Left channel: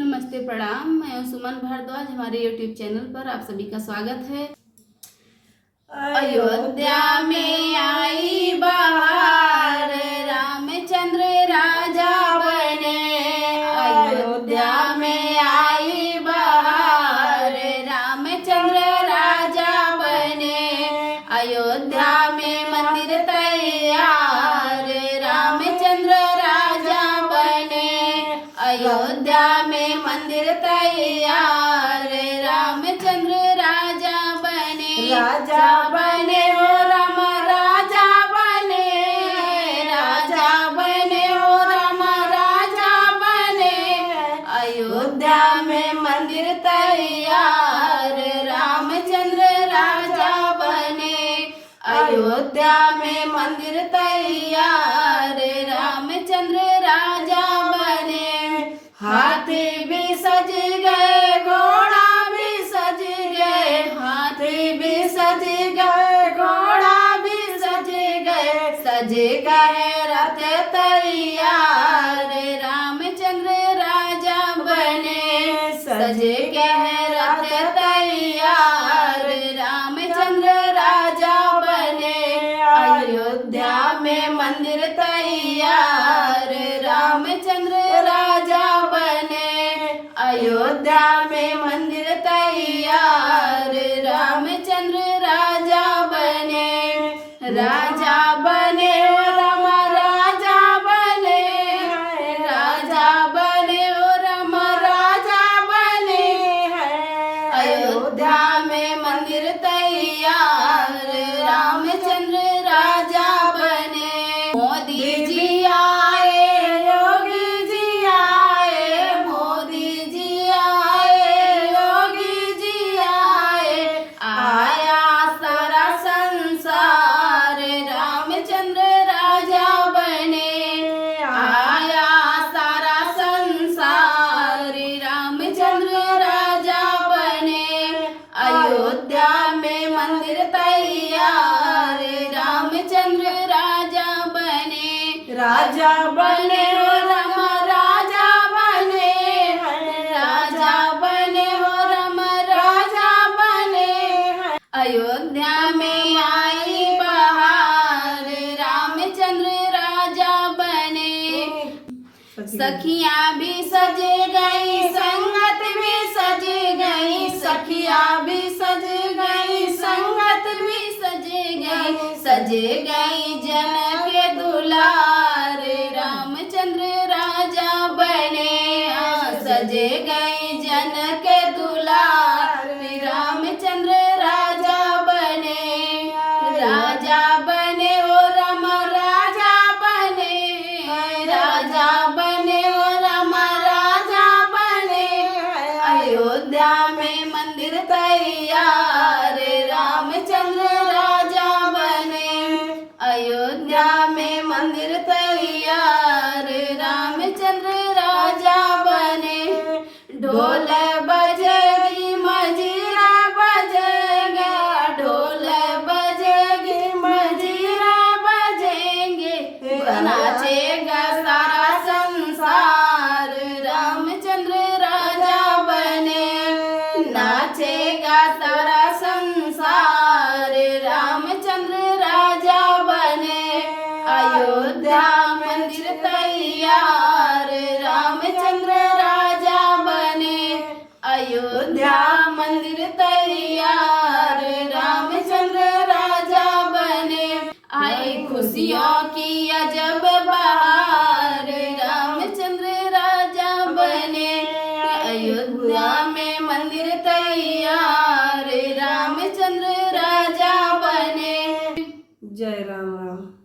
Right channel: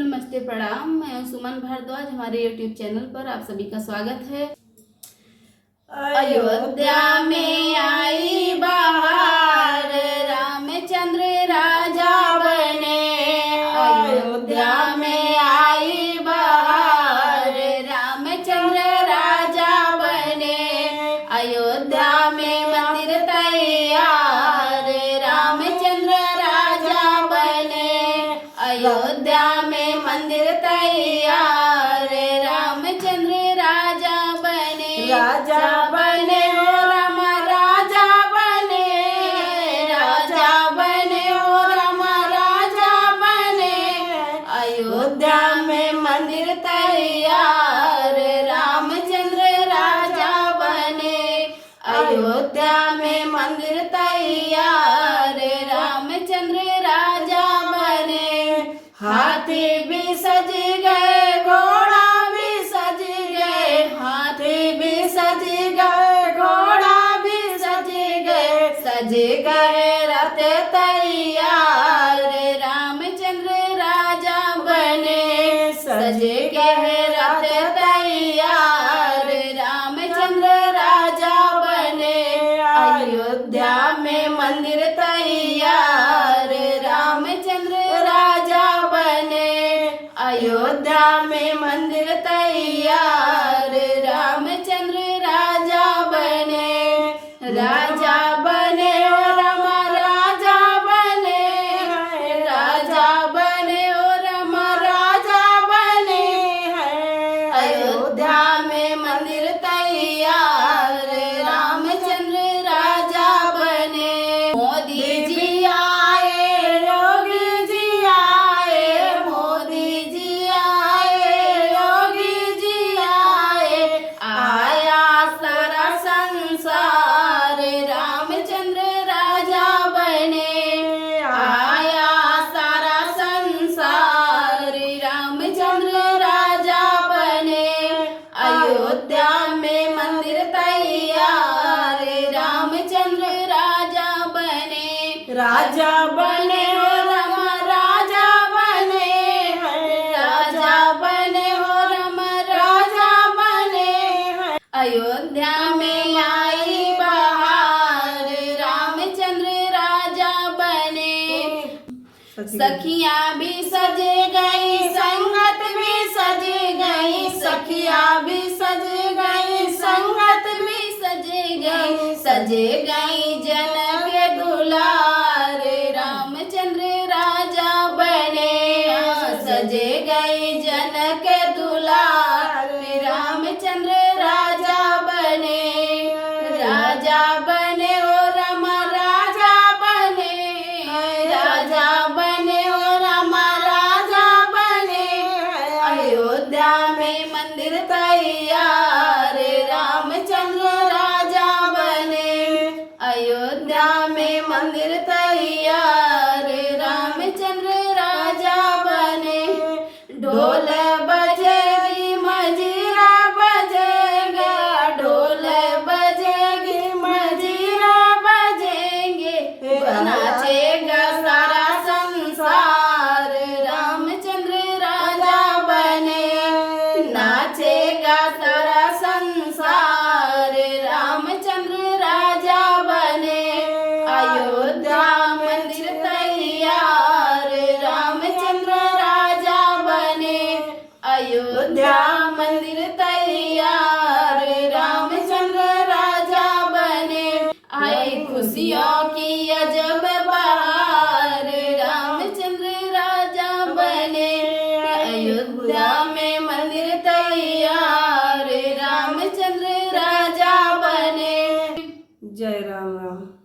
नमस्ते प्रणाम, मैं सुमन भारद्वाज। हमारे YouTube चैनल पर आप सभी का स्वागत है। अयोध्या में आई बहार, रामचंद्र राजा बने। अयोध्या में आई बहार, रामचंद्र राजा बने। अयोध्या में मंदिर तैयार, रामचंद्र राजा बने। अयोध्या में मंदिर तैयार, रामचंद्र राजा बने। राजा बने हो राम, राजा बने। राजा बने हो राम, राजा बने। अयोध्या में मंदिर तैयार, रामचंद्र राजा बने। अयोध्या में मंदिर तैयार, रामचंद्र राजा बने। हाथी भी सज गए, घोड़ा भी सज गए। हाथी भी सज गए, घोड़ा भी सज गए। सज गए रथ तैयार, रामचंद्र राजा बने। सज गए रथ तैयार, रामचंद्र राजा बने। अयोध्या में मंदिर तैयार, रामचंद्र राजा बने। अयोध्या में मंदिर तैयार, रामचंद्र राजा बने। राजा बने हो राम, राजा बने। राजा बने हो राम, राजा बने। अयोध्या में मंदिर तैयार, रामचंद्र राजा बने। मोदी जी आए, योगी जी आए। मोदी जी आए, योगी जी आए। आया सारा संसार, रामचंद्र राजा बने। आया सारा संसार, रामचंद्र राजा बने। अयोध्या में मंदिर तैयार, रामचंद्र राजा बने। राजा बने हो राम, राजा बने। राजा बने हो राम, राजा बने। अयोध्या में आई बहार, रामचंद्र राजा बने। सखियां भी सज गई, संगत भी सज गई। सखियां भी सज गई, संगत भी सज गई। सज गई जन के दुलार, रामचंद्र राजा बने। सज गई जन के दुलार, रामचंद्र राजा बने। राजा बने हो राम, राजा बने। राजा बने हो राम, राजा बने। अयोध्या में मंदिर तैयार, रामचंद्र राजा बने। अयोध्या में मंदिर तैयार, रामचंद्र राजा बने। ढोल बजेगी, मजीरा बजेगा। ढोल बजेगी, मजीरा बजेंगे। नाचेगा सारा संसार, रामचंद्र राजा बने। नाचेगा सारा संसार, रामचंद्र राजा बने। अयोध्या मंदिर तैयार, रामचंद्र राजा बने। अयोध्या मंदिर तैयार, रामचंद्र राजा बने। आई खुशियों की अजब बहार, रामचंद्र राजा बने। अयोध्या में मंदिर तैयार, रामचंद्र राजा बने। जय राम राम।